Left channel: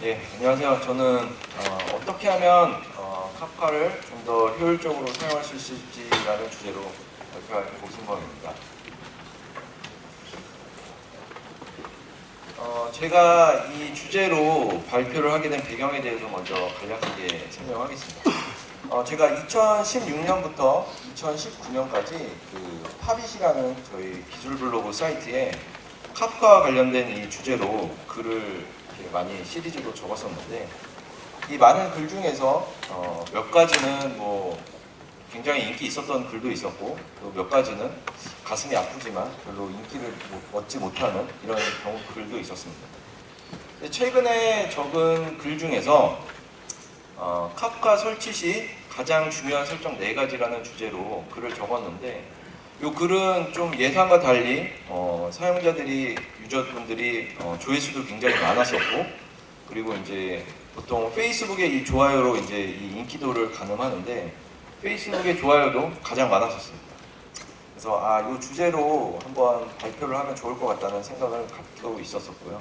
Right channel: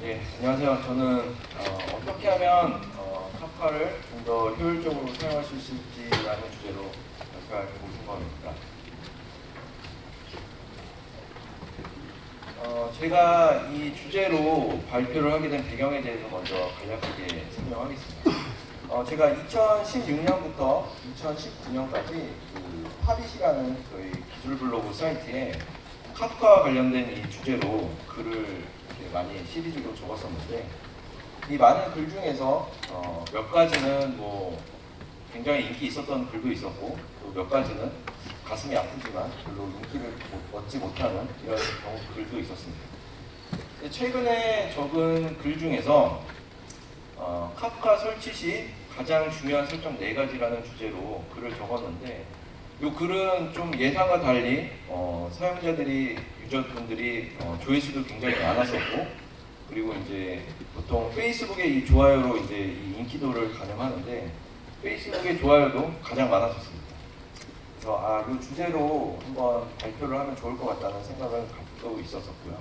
네, 안녕하세요. 저는 어떻게 하면 카프카를 좀 더 효율적으로 사용할 수 있을지라는 주제로 발표할 고승범입니다. 제가 이 주제로 발표를 하게 된 배경에 대해서 먼저 간략하게 설명하겠습니다. 제가 2016년부터 2019년까지 그 파빗이라는 저희 기술 블로그 사이트에 카프카와 관련된 이 주제로 글을 이렇게 많이 시리즈로 적었었는데, 이 많은 글 중에서 몇 가지는 뭐 굉장히 인기 있었던 글도 있었고, 또 몇 가지는 가슴이 아프지만 별로 인기를 얻지 못하는 이런 경우 글도 있었습니다. 최근에 적은 글 중에서 카프카 설치 시 가장 중요한 설정 4가지라는 주제로 글을 적었는데, 이 글은 좀 예상과 달리 사용자들이, 유저분들이 조회수도 굉장히 많았었고, 그리고 이제 보통 페이스북의 이 좋아요로 이제 이 인기도를 가늠하는데, 페이스북의 좋아요도 가장 많았었습니다. 그래서 이 주제로 한번 발표를 하면 좋을 것 같다는 생각을 갖고 있었었고요.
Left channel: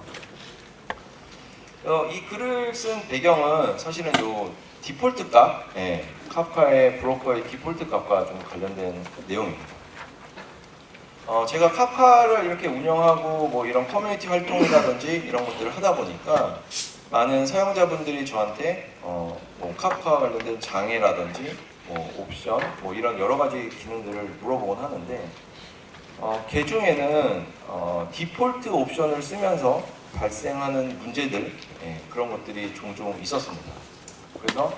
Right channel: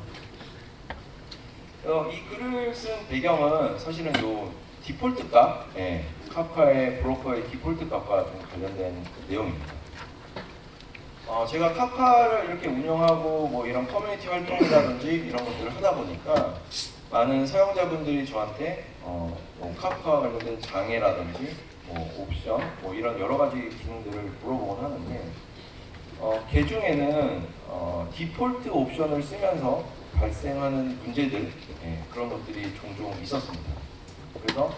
이 글을 쓴 배경은 사실은 요 디폴트 값, 카프카의 브로커의 디폴트 값과 좀 관련된 내용입니다. 제가 카프카를 이렇게 운영하고 뭐 이런 커뮤니티 활동이라든지 이런 것들을 하다 보니까 많은 사용자분들이 저한테 뭐 카프카와 관련된 장애라든지 뭐 옵션, 뭐 이런 여러 가지 기능들을 물어보곤 하는데, 그 중에는 디폴트 옵션을 쓰면서 발생하는 문제들, 그런 것들이 종종 있었습니다. 그래서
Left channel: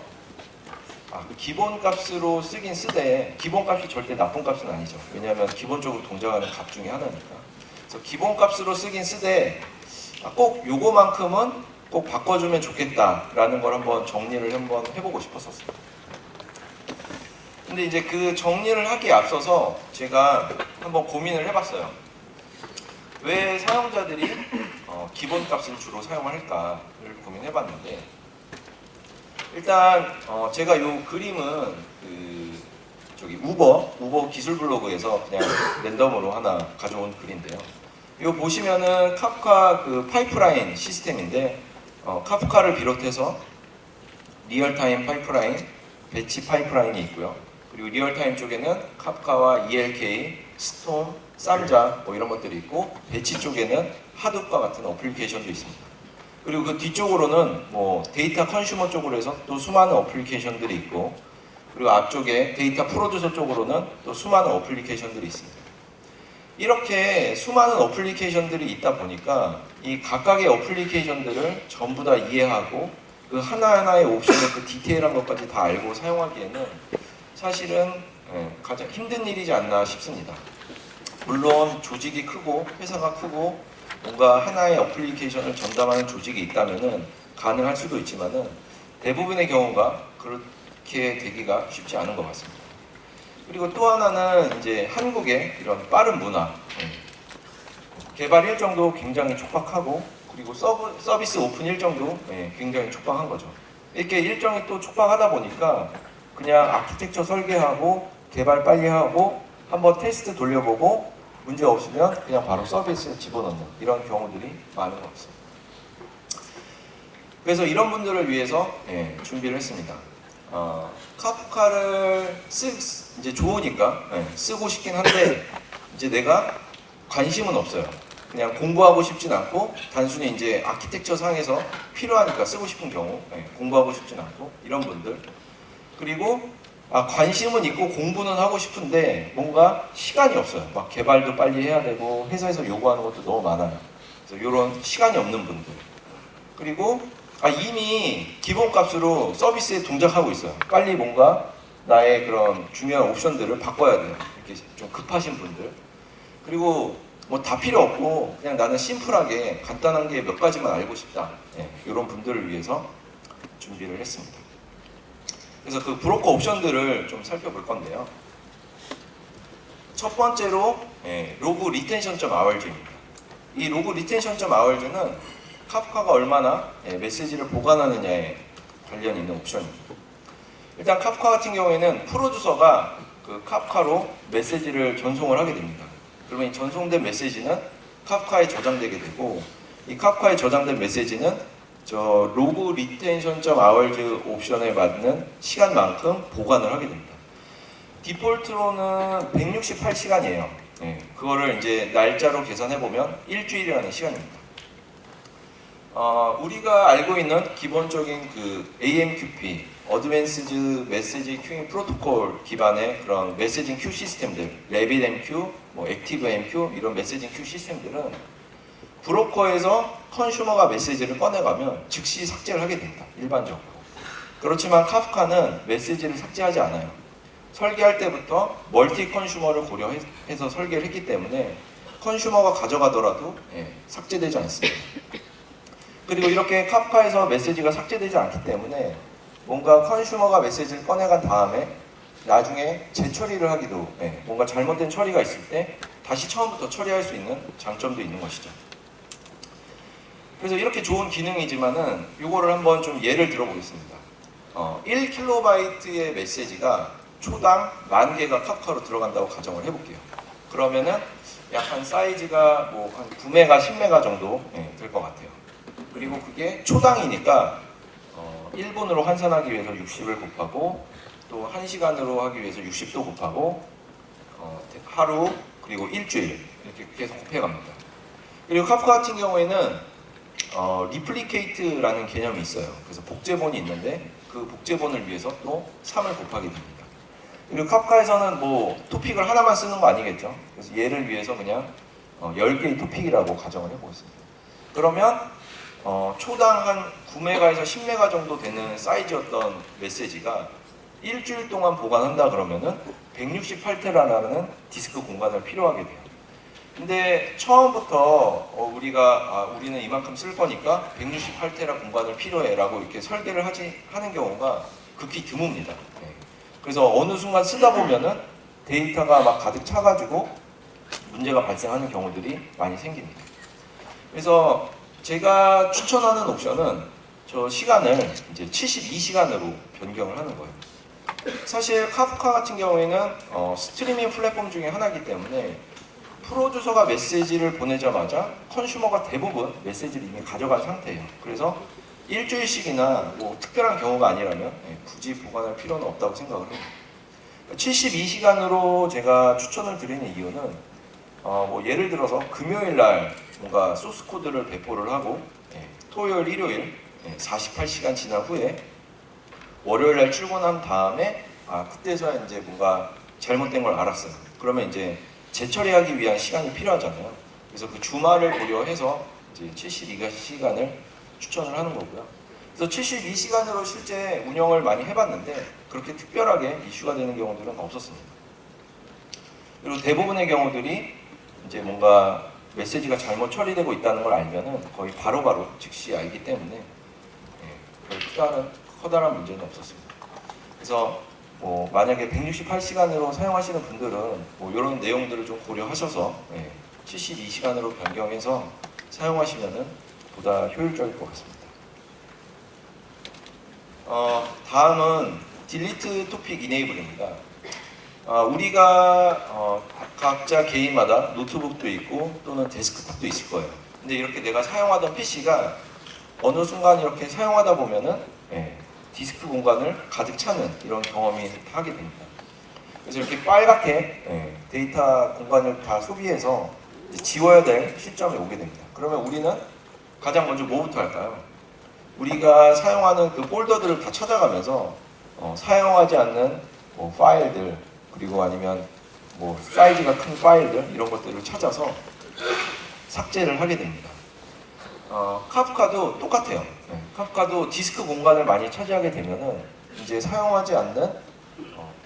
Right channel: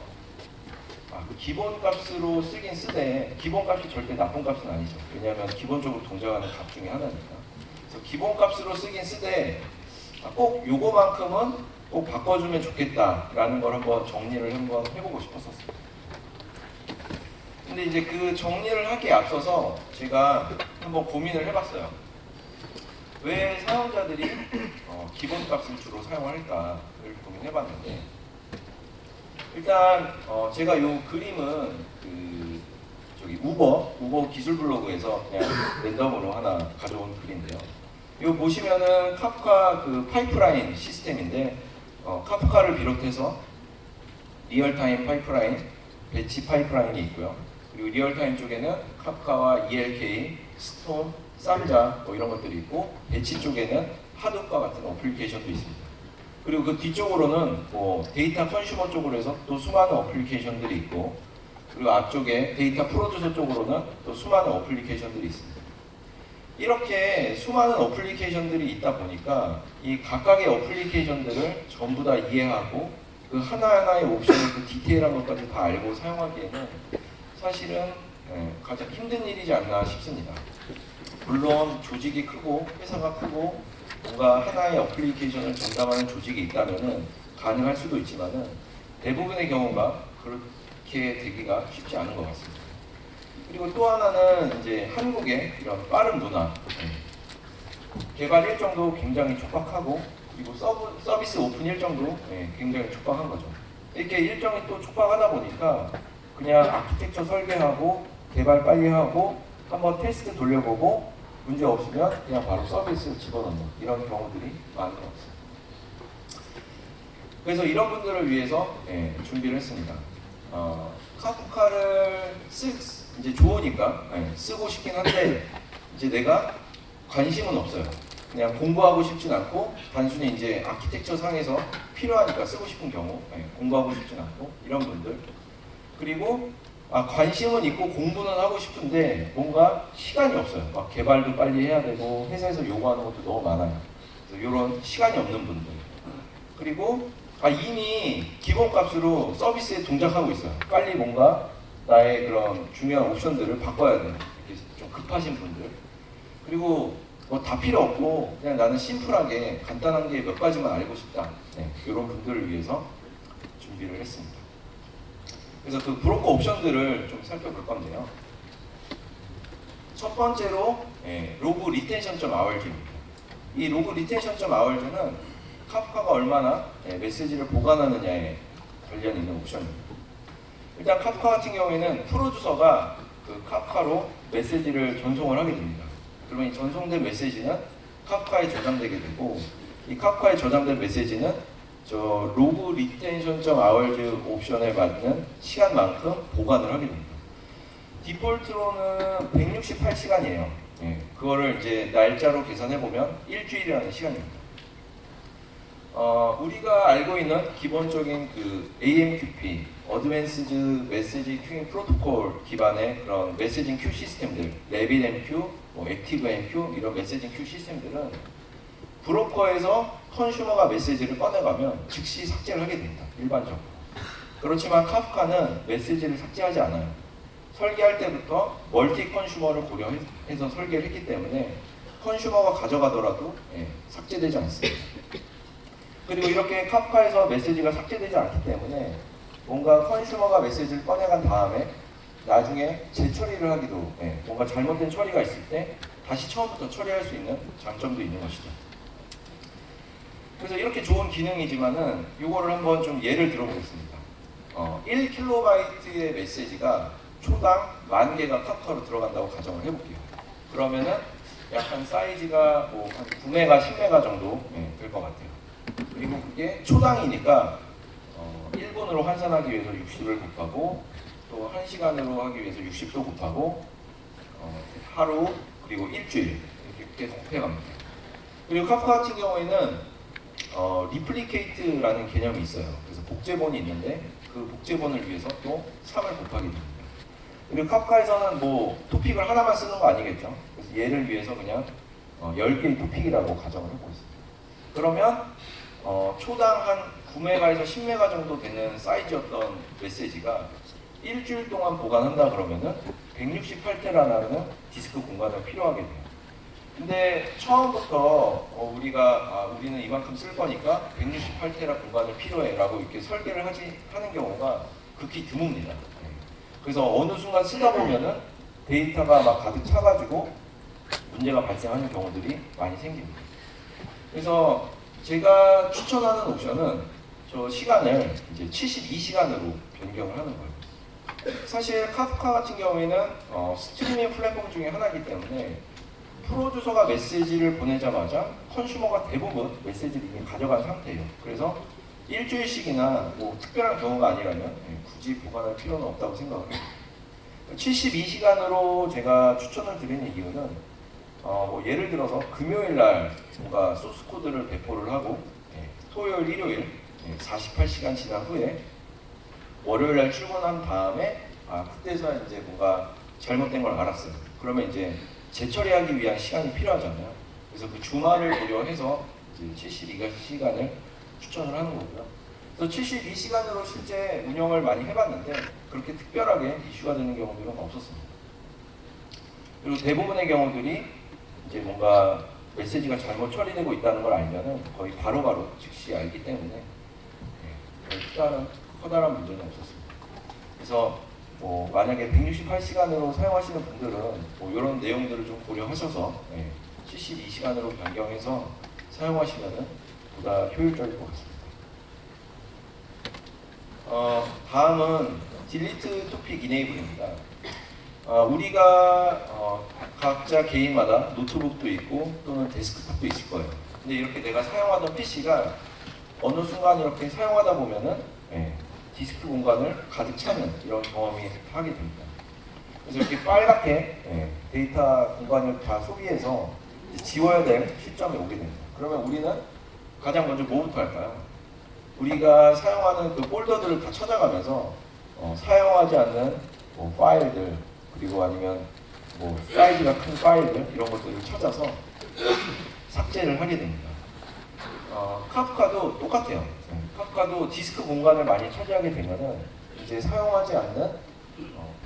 기본값으로 쓰긴 쓰되, 기본값이 절대 나쁜 값은 아니죠. 왜냐하면 기본적으로 동작하는 값 중에 하나니까. 그래서 기본값으로 쓰긴 쓰되 꼭 요거만큼은 꼭 바꿔주면 좋겠다라는 걸 한번 정리를 한번 해보고 싶었었어요. 근데 이제 그 정리를 하기에 앞서서 제가 한번 고민을 해봤어요. 왜 사용자들이 기본값을 주로 사용할까를 고민해봤는데, 일단 제가 이 그림은 저기 우버 기술 블로그에서 그냥 랜덤으로 하나 가져온 글인데요. 이거 보시면은 카프카 그 파이프라인 시스템인데, 카프카를 비롯해서 리얼타임 파이프라인, 배치 파이프라인이 있고요. 그리고 리얼타임 쪽에는 카프카와 ELK, 스톰, 쌈자 뭐 이런 것들이 있고, 배치 쪽에는 하둡과 같은 어플리케이션도 있습니다. 그리고 그 뒤쪽으로는 뭐 데이터 컨슈머 쪽으로 해서 또 수많은 어플리케이션들이 있고, 그리고 앞쪽에 데이터 프로듀서 쪽으로는 또 수많은 어플리케이션들이 있습니다. 이렇게 수많은 어플리케이션들이 있다 보니까 이 각각의 어플리케이션들을 전부 다 이해하고 그 하나하나의 옵션의 그 디테일한 것까지 다 알고 사용하기에는 사실은 가장 힘든 일이지 않나 싶습니다. 물론 조직이 크고 회사가 크고 뭔가 하나의 어플리케이션을 전담하는 조직이 있다면 가능할 수도 있지만은 대부분의 경우가 그렇게 되기가 쉽지 않은 것 같습니다. 그리고 또 하나는 이제 한국의 이런 빠른 문화, 개발 일정도 굉장히 촉박하고, 그리고 서비스 오픈 일정도 굉장히 촉박한 거죠. 이렇게 일정이 또 촉박하다 보니까 그냥 아키텍처 설계하고 개발 빨리 하고 한번 테스트 돌려보고 문제 없으면 그냥 바로 서비스에 집어넣는 이런 경우들이 많은 것 같습니다. 그래서 이런 분들을 위해서 준비를 했습니다. 카프카를 이제 좋으니까 쓰고 싶긴 한데, 이제 내가 관심은 없어요. 그냥 공부하고 싶진 않고, 단순히 이제 아키텍처 상에서 필요하니까 쓰고 싶은 경우, 공부하고 싶진 않고 이런 분들. 그리고 관심은 있고 공부는 하고 싶은데 뭔가 시간이 없어요. 막 개발도 빨리 해야 되고 회사에서 요구하는 것도 너무 많아요. 그래서 이런 시간이 없는 분들. 그리고 이미 기본값으로 서비스에 동작하고 있어요. 빨리 뭔가 나의 그런 중요한 옵션들을 바꿔야 돼요. 이렇게 좀 급하신 분들. 그리고 뭐 다 필요 없고 그냥 나는 심플하게 간단한 게 몇 가지만 알고 싶다. 이런 분들을 위해서 준비를 했습니다. 그래서 그 브로커 옵션들을 좀 살펴볼 건데요. 첫 번째로 로그 리텐션.rg입니다. 이 로그 리텐션.rg는 카프카가 얼마나 메시지를 보관하느냐에 관련 있는 옵션입니다. 일단 카프카 같은 경우에는 프로듀서가 그 카프카로 메시지를 전송을 하게 됩니다. 그러면 이 전송된 메시지는 카프카에 저장되게 되고, 이 카프카에 저장된 메시지는 저 로그 리텐션.hours 옵션에 맞는 시간만큼 보관을 하게 됩니다. 디폴트로는 168시간이에요. 그거를 이제 날짜로 계산해 보면 일주일이라는 시간입니다. 우리가 알고 있는 기본적인 그 AMQP, Advanced Message Queuing Protocol 기반의 그런 메시징 큐 시스템들, RabbitMQ, 뭐 ActiveMQ 이런 메시징 큐 시스템들은 브로커에서 컨슈머가 메시지를 꺼내가면 즉시 삭제를 하게 됩니다. 일반적으로. 그렇지만 카프카는 메시지를 삭제하지 않아요. 설계할 때부터 멀티 컨슈머를 고려해서 설계를 했기 때문에 컨슈머가 가져가더라도 삭제되지 않습니다. 그리고 이렇게 카프카에서 메시지가 삭제되지 않기 때문에 뭔가 컨슈머가 메시지를 꺼내간 다음에 나중에 재처리를 하기도 뭔가 잘못된 처리가 있을 때 다시 처음부터 처리할 수 있는 장점도 있는 것이죠. 그래서 이렇게 좋은 기능이지만은 이거를 한번 좀 예를 들어보겠습니다. 1kB의 메시지가 초당 10,000개가 카프카로 들어간다고 가정을 해볼게요. 그러면은 약 한 사이즈가 뭐 한 9메가, 10메가 정도 될 것 같아요. 그리고 그게 초당이니까 1분으로 환산하기 위해서 60을 곱하고 또 1시간으로 하기 위해서 60도 곱하고 하루 그리고 일주일 이렇게 계속 곱해갑니다. 그리고 카프카 같은 경우에는 리플리케이트라는 개념이 있어요. 그래서 복제본이 있는데 그 복제본을 위해서 또 3을 곱하게 됩니다. 그리고 카프카에서는 뭐 토픽을 하나만 쓰는 거 아니겠죠. 그래서 얘를 위해서 그냥 10개의 토픽이라고 가정을 해보겠습니다. 그러면 초당 한 9메가에서 10메가 정도 되는 사이즈였던 메시지가 일주일 동안 보관한다 그러면은 168테라라는 디스크 공간을 필요하게 돼요. 근데 처음부터 우리는 이만큼 쓸 거니까 168테라 공간을 필요해 라고 이렇게 설계를 하는 경우가 극히 드뭅니다. 그래서 어느 순간 쓰다 보면은 데이터가 막 가득 차가지고 문제가 발생하는 경우들이 많이 생깁니다. 그래서 제가 추천하는 옵션은 저 시간을 이제 72시간으로 변경을 하는 거예요. 사실 카프카 같은 경우에는 스트리밍 플랫폼 중에 하나이기 때문에 프로 주서가 메시지를 보내자마자 컨슈머가 대부분 메시지를 이미 가져간 상태예요. 그래서 일주일씩이나 뭐 특별한 경우가 아니라면 굳이 보관할 필요는 없다고 생각을 해요. 72시간으로 제가 추천을 드리는 이유는 뭐 예를 들어서 금요일 날 뭔가 소스 코드를 배포를 하고 토요일, 일요일 48시간 지난 후에 월요일 날 출근한 다음에 그때서야 이제 뭔가 잘못된 걸 알았어요. 그러면 이제 재처리하기 위한 시간이 필요하잖아요. 그래서 그 주말을 고려해서 이제 72시간을 추천을 하는 거고요. 그래서 72시간으로 실제 운영을 많이 해봤는데 그렇게 특별하게 이슈가 되는 경우들은 없었습니다. 그리고 대부분의 경우들이 이제 뭔가 메시지가 잘못 처리되고 있다는 걸 알면은 거의 바로바로 즉시 알기 때문에 커다란 문제는 없었습니다. 그래서 뭐 만약에 168시간으로 사용하시는 분들은 뭐 이런 내용들을 좀 고려하셔서 72시간으로 변경해서 사용하시면은 보다 효율적일 것 같습니다. 다음은 딜리트 토픽 이네이블입니다. 우리가 각자 개인마다 노트북도 있고 또는 데스크탑도 있을 거예요. 근데 이렇게 내가 사용하던 PC가 어느 순간 이렇게 사용하다 보면은 디스크 공간을 가득 차는 이런 경험이 하게 됩니다. 그래서 이렇게 빨갛게 데이터 공간을 다 소비해서 지워야 될 시점이 오게 됩니다. 그러면 우리는 가장 먼저 뭐부터 할까요? 우리가 사용하는 그 폴더들을 다 찾아가면서 사용하지 않는 뭐 파일들 그리고 아니면 뭐 사이즈가 큰 파일들 이런 것들을 찾아서 삭제를 하게 됩니다. 카프카도 똑같아요. 카프카도 디스크 공간을 많이 차지하게 되면은 이제 사용하지 않는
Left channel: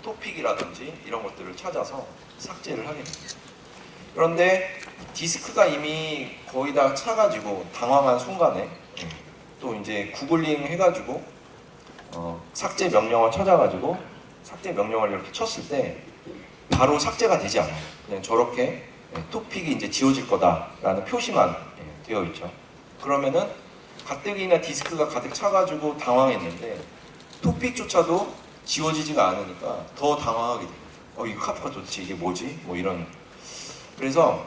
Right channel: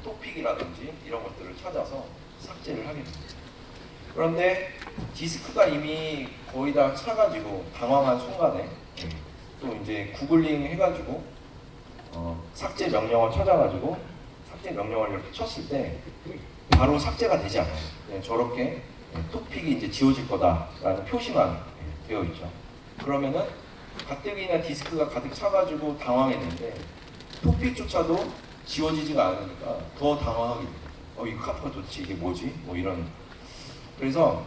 토픽이라든지 이런 것들을 찾아서 삭제를 하게 됩니다. 그런데 디스크가 이미 거의 다 차가지고 당황한 순간에 또 이제 구글링 해가지고 삭제 명령어 찾아가지고 삭제 명령어를 이렇게 쳤을 때 바로 삭제가 되지 않아요. 그냥 저렇게 토픽이 이제 지워질 거다라는 표시만 되어 있죠. 그러면은 가뜩이나 디스크가 가득 차가지고 당황했는데 토픽조차도 지워지지가 않으니까 더 당황하게 돼요. 이 카프가 도대체 이게 뭐지? 뭐 이런. 그래서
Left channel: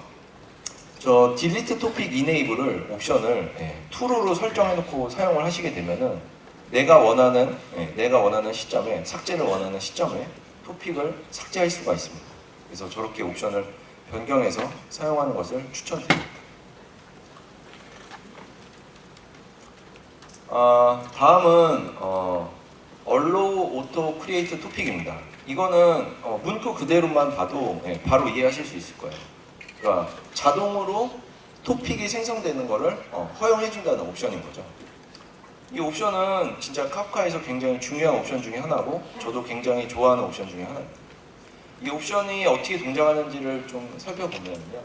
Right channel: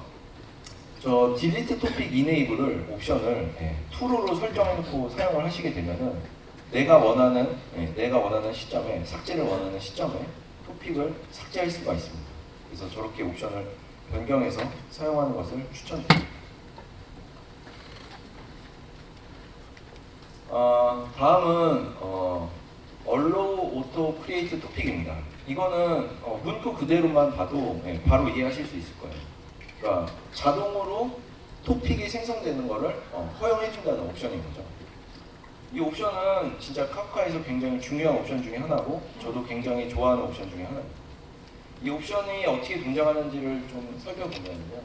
저 딜리트 토픽 이네이블을 옵션을 true로 설정해놓고 사용을 하시게 되면은 내가 원하는 시점에 삭제를 원하는 시점에 토픽을 삭제할 수가 있습니다. 그래서 저렇게 옵션을 변경해서 사용하는 것을 추천드립니다. 다음은 Allow Auto Create Topic입니다. 이거는 문구 그대로만 봐도 바로 이해하실 수 있을 거예요. 그러니까 자동으로 토픽이 생성되는 것을 허용해준다는 옵션인 거죠. 이 옵션은 진짜 카프카에서 굉장히 중요한 옵션 중에 하나고 저도 굉장히 좋아하는 옵션 중에 하나입니다. 이 옵션이 어떻게 동작하는지를 좀 살펴보면요.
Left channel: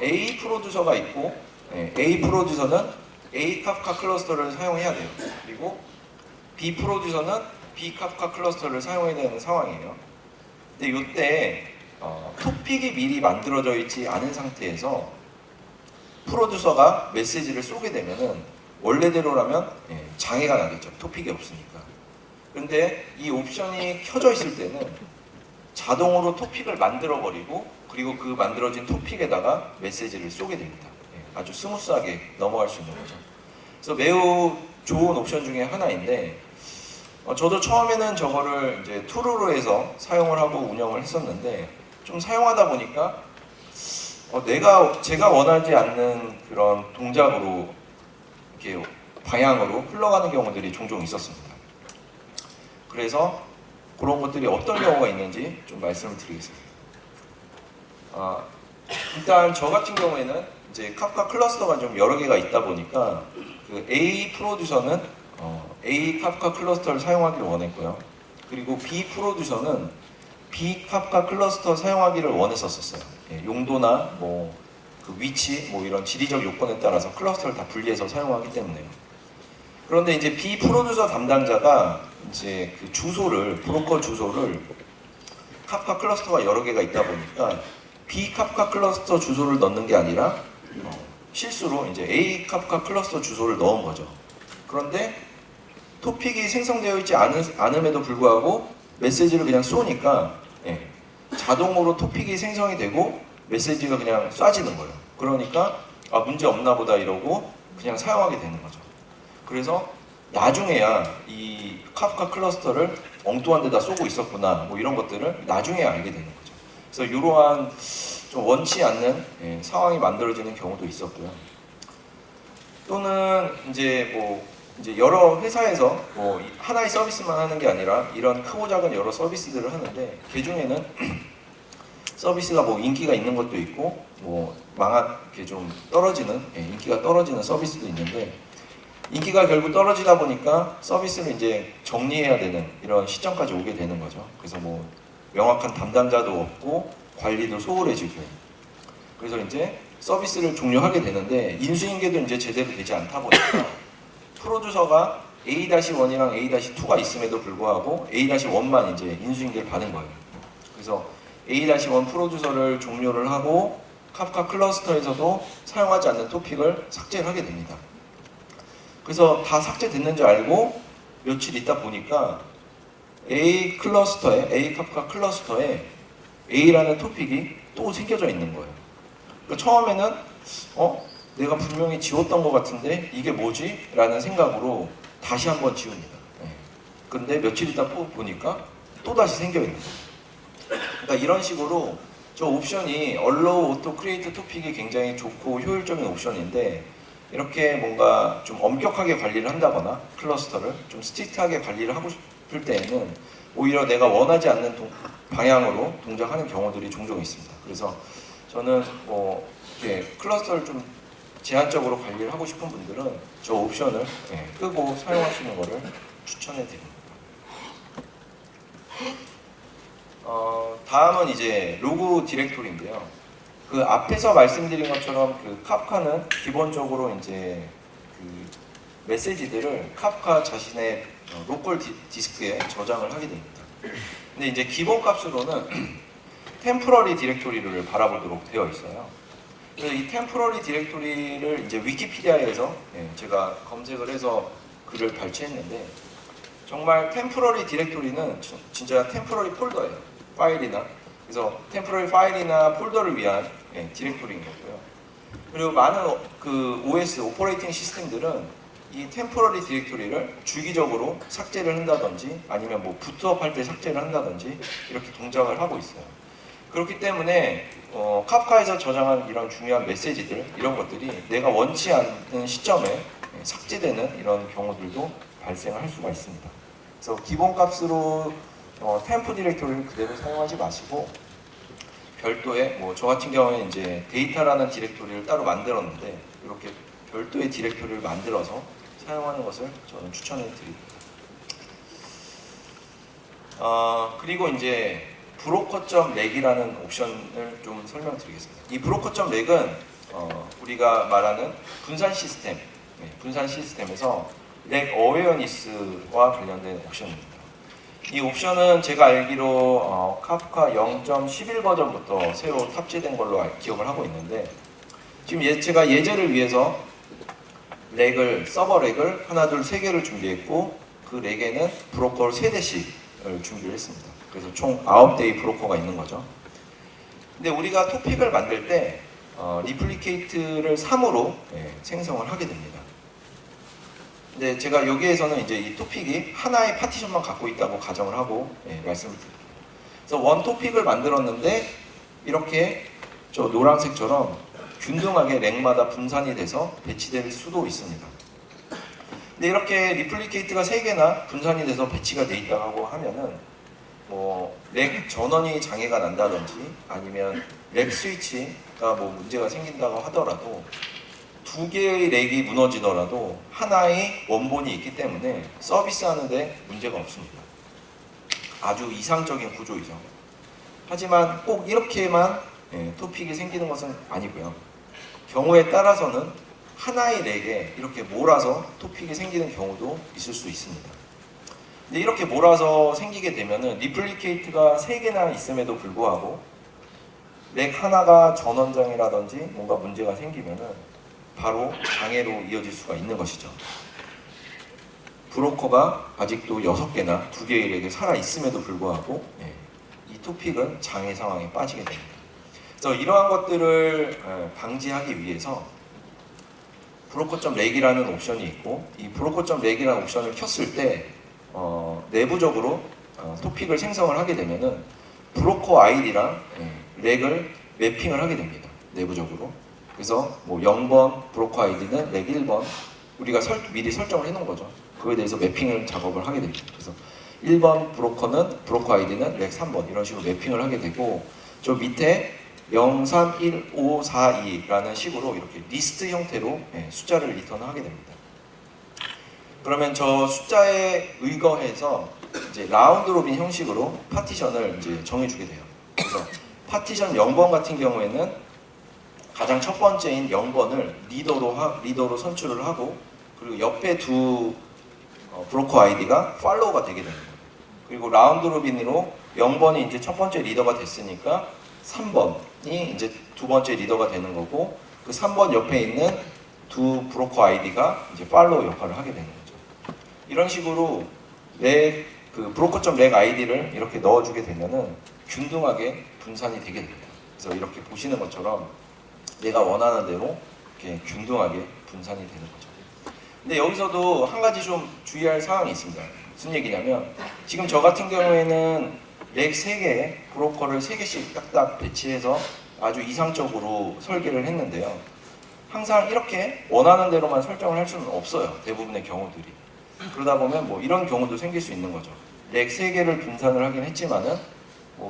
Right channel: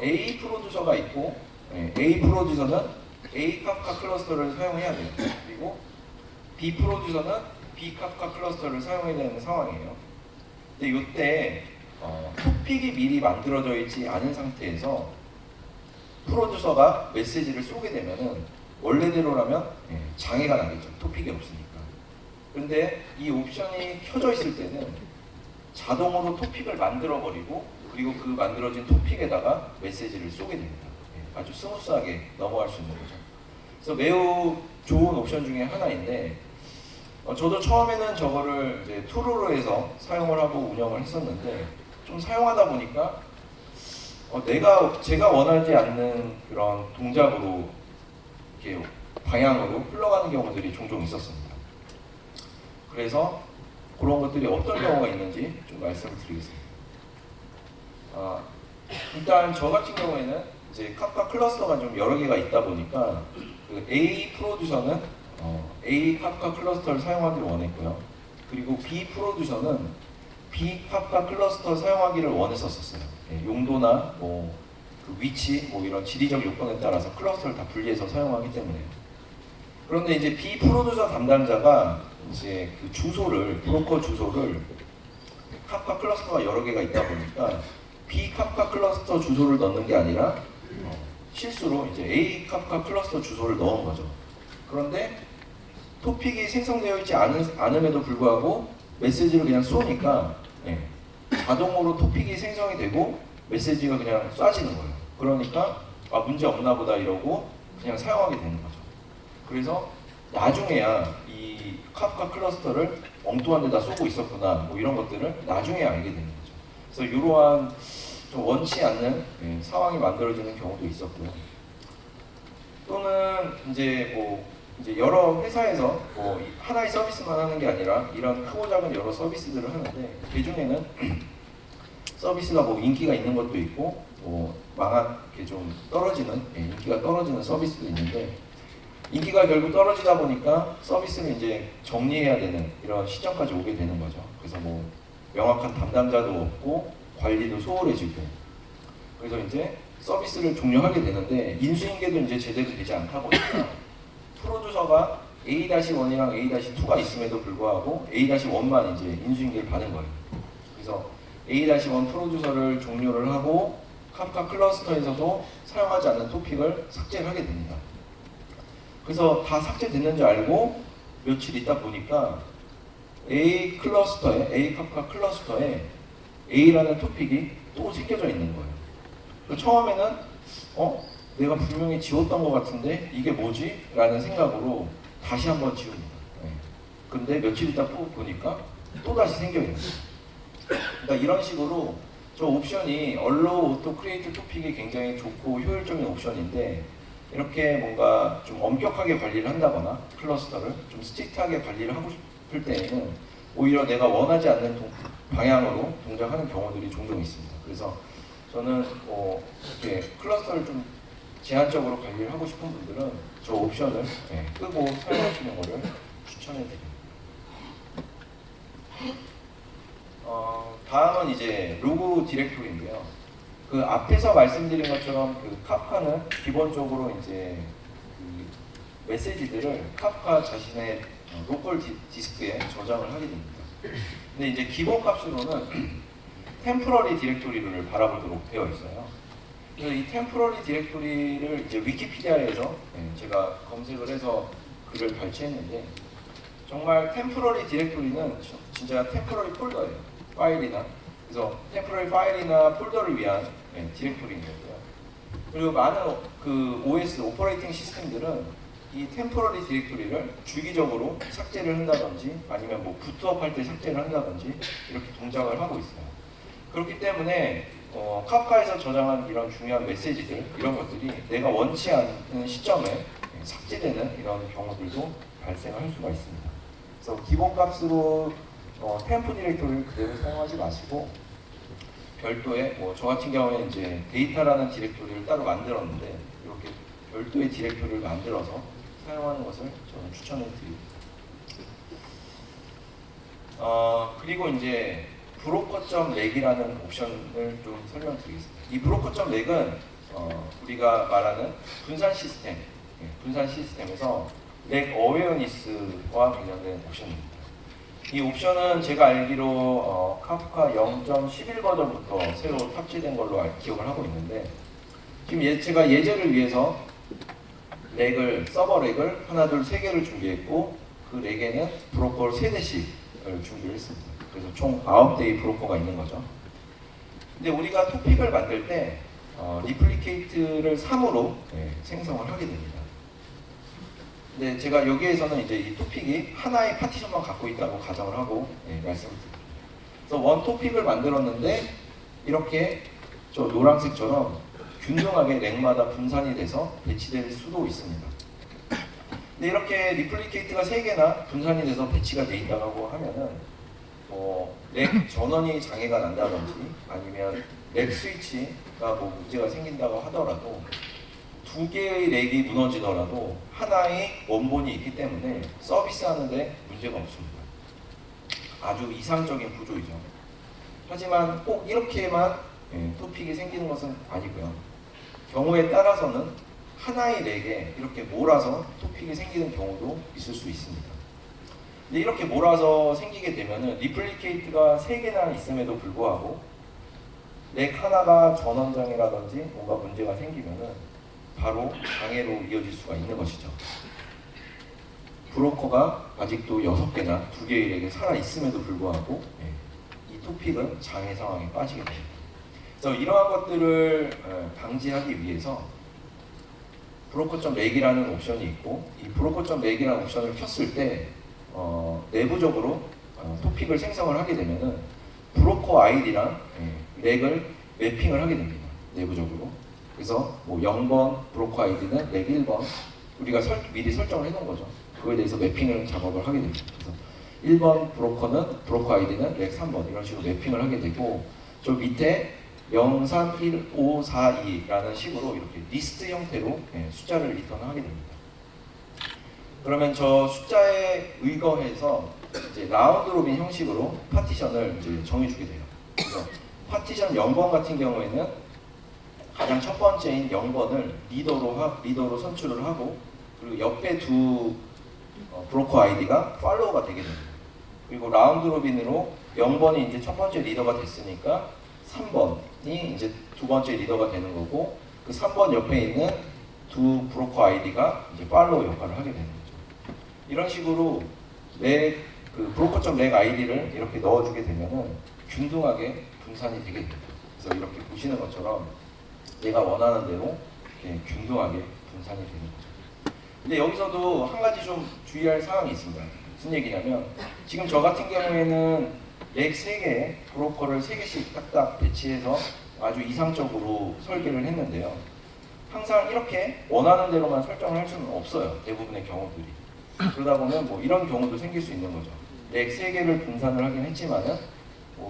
A 프로듀서가 있고 A 프로듀서는 A 카프카 클러스터를 사용해야 돼요. 그리고 B 프로듀서는 B 카프카 클러스터를 사용해야 되는 상황이에요. 근데 이때 토픽이 미리 만들어져 있지 않은 상태에서 프로듀서가 메시지를 쏘게 되면은 원래대로라면 장애가 나겠죠. 토픽이 없으니까. 그런데 이 옵션이 켜져 있을 때는 자동으로 토픽을 만들어 버리고 그리고 그 만들어진 토픽에다가 메시지를 쏘게 됩니다. 아주 스무스하게 넘어갈 수 있는 거죠. 그래서 매우 좋은 옵션 중에 하나인데 저도 처음에는 저거를 이제 true로 해서 사용을 하고 운영을 했었는데 좀 사용하다 보니까 제가 원하지 않는 그런 동작으로 이렇게 방향으로 흘러가는 경우들이 종종 있었습니다. 그래서 그런 것들이 어떤 경우가 있는지 좀 말씀을 드리겠습니다. 일단 저 같은 경우에는 이제 카프카 클러스터가 좀 여러 개가 있다 보니까 그 A 프로듀서는 A 카프카 클러스터를 사용하기를 원했고요. 그리고 B 프로듀서는 B 카프카 클러스터 사용하기를 원했었어요. 용도나 그 위치 이런 지리적 요건에 따라서 클러스터를 다 분리해서 사용하기 때문에요. 그런데 이제 B 프로듀서 담당자가 이제 그 브로커 주소를 카프카 클러스터가 여러 개가 있다 보니까 B 카프카 클러스터 주소를 넣는 게 아니라 실수로 이제 A 카프카 클러스터 주소를 넣은 거죠. 그런데 토픽이 생성되어 있지 않음에도 불구하고 메시지를 그냥 쏘니까 자동으로 토픽이 생성이 되고 메시지가 그냥 쏴지는 거예요. 그러니까 문제 없나 보다 이러고 그냥 사용하게 되는 거죠. 그래서 나중에야 이 카프카 클러스터를 엉뚱한 데다 쏘고 있었구나 이런 것들을 나중에 알게 되는 거죠. 그래서 이러한 좀 원치 않는 상황이 만들어지는 경우도 있었고요. 또는 이제 여러 회사에서 하나의 서비스만 하는 게 아니라 이런 크고 작은 여러 서비스들을 하는데 그 중에는 서비스가 인기가 있는 것도 있고 이렇게 좀 떨어지는 인기가 떨어지는 서비스도 있는데 인기가 결국 떨어지다 보니까 서비스를 이제 정리해야 되는 이런 시점까지 오게 되는 거죠. 그래서 명확한 담당자도 없고 관리도 소홀해지고 그래서 이제 서비스를 종료하게 되는데 인수인계도 이제 제대로 되지 않다 보니까 프로듀서가 A-1이랑 A-2가 있음에도 불구하고 A-1만 이제 인수인계를 받은 거예요. 그래서 A-1 프로듀서를 종료를 하고 카프카 클러스터에서도 사용하지 않는 토픽을 삭제하게 됩니다. 그래서 다 삭제됐는 줄 알고 며칠 있다 보니까 A 카프카 클러스터에 A라는 토픽이 또 새겨져 있는 거예요. 그러니까 처음에는 내가 분명히 지웠던 것 같은데 이게 뭐지? 라는 생각으로 다시 한번 지웁니다. 근데 며칠 있다 보니까 또 다시 생겨 있는 거예요. 그러니까 이런 식으로 저 옵션이 Allow Auto Create Topic이 굉장히 좋고 효율적인 옵션인데 이렇게 뭔가 좀 엄격하게 관리를 한다거나 클러스터를 좀 스트릭트하게 관리를 하고 싶을 때에는 오히려 내가 원하지 않는 방향으로 동작하는 경우들이 종종 있습니다. 그래서 저는 이렇게 클러스터를 좀 제한적으로 관리를 하고 싶은 분들은 저 옵션을 끄고 사용하시는 것을 추천해 드립니다. 다음은 이제 로그 디렉토리인데요. 그 앞에서 말씀드린 것처럼 그 카프카는 기본적으로 이제 그 메시지들을 카프카 자신의 로컬 디스크에 저장을 하게 됩니다. 근데 이제 기본 값으로는 템포러리 디렉토리를 바라보도록 되어 있어요. 그래서 이 템포러리 디렉토리를 이제 위키피디아에서 제가 검색을 해서 글을 발췌했는데 정말 템포러리 디렉토리는 진짜 템포러리 폴더예요. 파일이나 그래서 템포러리 파일이나 폴더를 위한 디렉토리인 거고요. 그리고 많은 그 OS 오퍼레이팅 시스템들은 이 템포러리 디렉토리를 주기적으로 삭제를 한다든지 아니면 뭐 부트업 할 때 삭제를 한다든지 이렇게 동작을 하고 있어요. 그렇기 때문에 카프카에서 저장한 이런 중요한 메시지들 이런 것들이 내가 원치 않는 시점에 삭제되는 이런 경우들도 발생할 수가 있습니다. 그래서 기본 값으로 템포 디렉토리를 그대로 사용하지 마시고 별도의 뭐 저 같은 경우에 이제 데이터라는 디렉토리를 따로 만들었는데 이렇게 별도의 디렉토리를 만들어서 사용하는 것을 저는 추천해 드립니다. 그리고 이제 브로커.렉이라는 옵션을 좀 설명드리겠습니다. 이 브로커.렉은 우리가 말하는 분산 시스템, 분산 시스템에서 렉 어웨어니스와 관련된 옵션입니다. 이 옵션은 제가 알기로 카프카 0.11 버전부터 새로 탑재된 걸로 기억을 하고 있는데 지금 제가 예제를 위해서 렉을 서버 렉을 하나 둘 세 개를 준비했고 그 렉에는 브로커를 3대씩을 준비를 했습니다. 그래서 총 9대의 브로커가 있는 거죠. 근데 우리가 토픽을 만들 때 리플리케이트를 3으로 생성을 하게 됩니다. 근데 제가 여기에서는 이제 이 토픽이 하나의 파티션만 갖고 있다고 가정을 하고 말씀을 드립니다. 그래서 원 토픽을 만들었는데 이렇게 저 노란색처럼 균등하게 렉마다 분산이 돼서 배치될 수도 있습니다. 근데 이렇게 리플리케이트가 3개나 분산이 돼서 배치가 돼 있다고 하면은 렉 전원이 장애가 난다든지 아니면 렉 스위치가 뭐 문제가 생긴다고 하더라도 2개의 렉이 무너지더라도 하나의 원본이 있기 때문에 서비스하는데 문제가 없습니다. 아주 이상적인 구조이죠. 하지만 꼭 이렇게만 토픽이 생기는 것은 아니고요. 경우에 따라서는 하나의 렉에 이렇게 몰아서 토픽이 생기는 경우도 있을 수 있습니다. 근데 이렇게 몰아서 생기게 되면은 리플리케이트가 3개나 있음에도 불구하고 렉 하나가 전원장애라든지 뭔가 문제가 생기면은 바로 장애로 이어질 수가 있는 것이죠. 브로커가 아직도 6개나 2개의 렉이 살아있음에도 불구하고 이 토픽은 장애 상황에 빠지게 됩니다. 그래서 이러한 것들을 방지하기 위해서 브로커.렉이라는 옵션이 있고 이 브로커.렉이라는 옵션을 켰을 때 내부적으로 토픽을 생성을 하게 되면은 브로커 아이디랑 렉을 매핑을 하게 됩니다. 내부적으로. 그래서 뭐 0번 브로커 아이디는 렉 1번 우리가 미리 설정을 해놓은 거죠. 그거에 대해서 매핑을 작업을 하게 됩니다. 그래서 1번 브로커 아이디는 렉 3번 이런 식으로 매핑을 하게 되고 저 밑에 031542라는 식으로 이렇게 리스트 형태로 숫자를 리턴하게 됩니다. 그러면 저 숫자에 의거해서 이제 라운드 로빈 형식으로 파티션을 이제 정해주게 돼요. 그래서 파티션 0번 같은 경우에는 가장 첫 번째인 0번을 리더로 선출을 하고 그리고 옆에 두 브로커 아이디가 팔로우가 되게 됩니다. 그리고 라운드 로빈으로 0번이 이제 첫 번째 리더가 됐으니까 3번이 이제 두 번째 리더가 되는 거고 그 3번 옆에 있는 두 브로커 아이디가 이제 팔로우 역할을 하게 되는 거죠. 이런 식으로 그 브로커.렉 아이디를 이렇게 넣어주게 되면은 균등하게 분산이 되게 됩니다. 그래서 이렇게 보시는 것처럼 내가 원하는 대로 이렇게 균등하게 분산이 되는 거죠. 근데 여기서도 한 가지 좀 주의할 사항이 있습니다. 무슨 얘기냐면 지금 저 같은 경우에는 렉 3개, 브로커를 3개씩 딱딱 배치해서 아주 이상적으로 설계를 했는데요. 항상 이렇게 원하는 대로만 설정을 할 수는 없어요. 대부분의 경우들이. 그러다 보면 뭐 이런 경우도 생길 수 있는 거죠. 렉 3개를 분산을 하긴 했지만은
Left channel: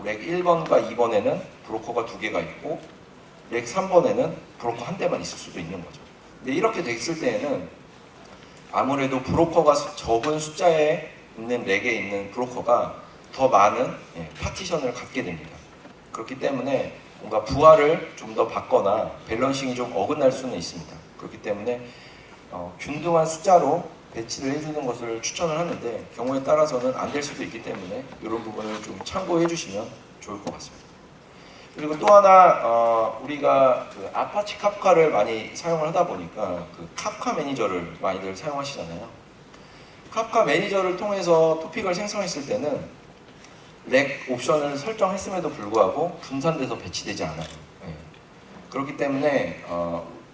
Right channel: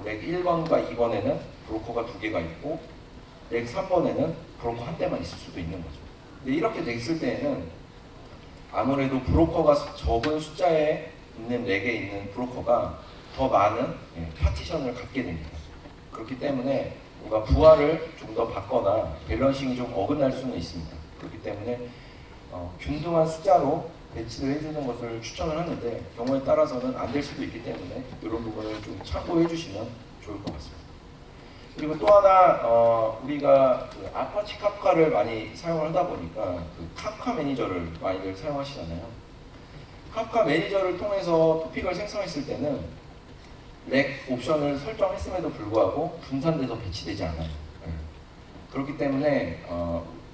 렉 1번과 2번에는 브로커가 2개가 있고 렉 3번에는 브로커 한 대만 있을 수도 있는 거죠. 근데 이렇게 됐을 때에는 아무래도 브로커가 적은 숫자에 있는 렉에 있는 브로커가 더 많은 파티션을 갖게 됩니다. 그렇기 때문에 뭔가 부하를 좀 더 받거나 밸런싱이 좀 어긋날 수는 있습니다. 그렇기 때문에 균등한 숫자로 배치를 해주는 것을 추천을 하는데 경우에 따라서는 안 될 수도 있기 때문에 이런 부분을 좀 참고해 주시면 좋을 것 같습니다. 그리고 또 하나 우리가 그 아파치 카프카를 많이 사용을 하다 보니까 그 카프카 매니저를 많이들 사용하시잖아요. 카프카 매니저를 통해서 토픽을 생성했을 때는 렉 옵션을 설정했음에도 불구하고 분산돼서 배치되지 않아요. 그렇기 때문에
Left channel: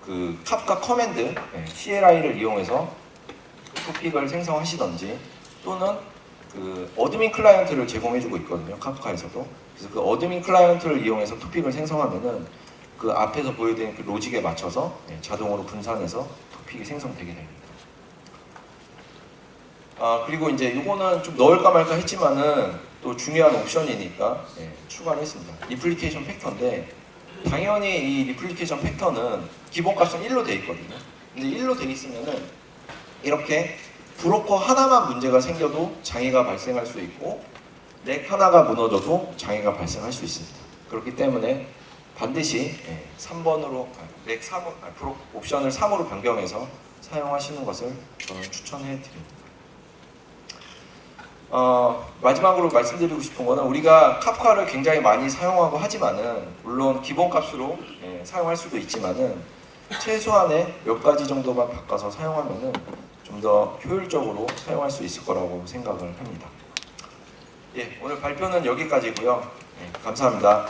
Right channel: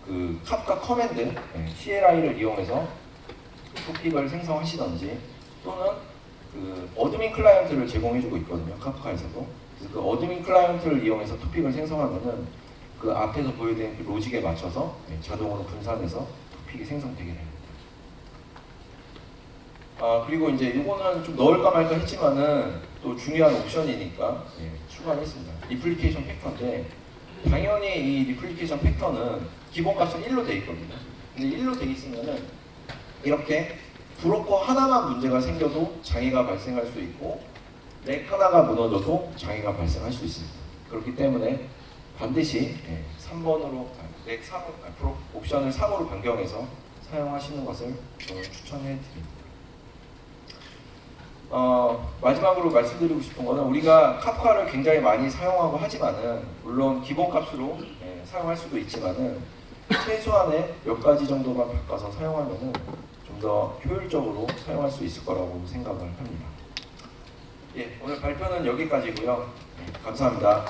그 그 캅카 커맨드 CLI를 이용해서 토픽을 생성하시던지 또는 그 어드민 클라이언트를 제공해주고 있거든요. 카프카에서도. 그래서 그 어드민 클라이언트를 이용해서 토픽을 생성하면은 그 앞에서 보여드린 그 로직에 맞춰서 자동으로 분산해서 토픽이 생성되게 됩니다. 그리고 이제 이거는 좀 넣을까 말까 했지만은 또 중요한 옵션이니까 추가를 했습니다. 리플리케이션 팩터인데 당연히 이 리플리케이션 팩터는 기본값은 1로 돼 있거든요. 근데 1로 돼 있으면은 이렇게 브로커 하나만 문제가 생겨도 장애가 발생할 수 있고 넥 하나가 무너져도 장애가 발생할 수 있습니다. 그렇기 때문에 반드시 3번으로 넥 3, 옵션을 3으로 변경해서 사용하시는 것을 저는 추천해 드립니다. 마지막으로 말씀드리고 싶은 거는 우리가 카프카를 굉장히 많이 사용하고 하지만은 물론 기본값으로 사용할 수도 있지만은 최소한의 몇 가지 정도만 바꿔서 사용하면은 좀 더 효율적으로 사용할 수 있을 거라고 생각을 합니다. 오늘 발표는 여기까지고요. 감사합니다.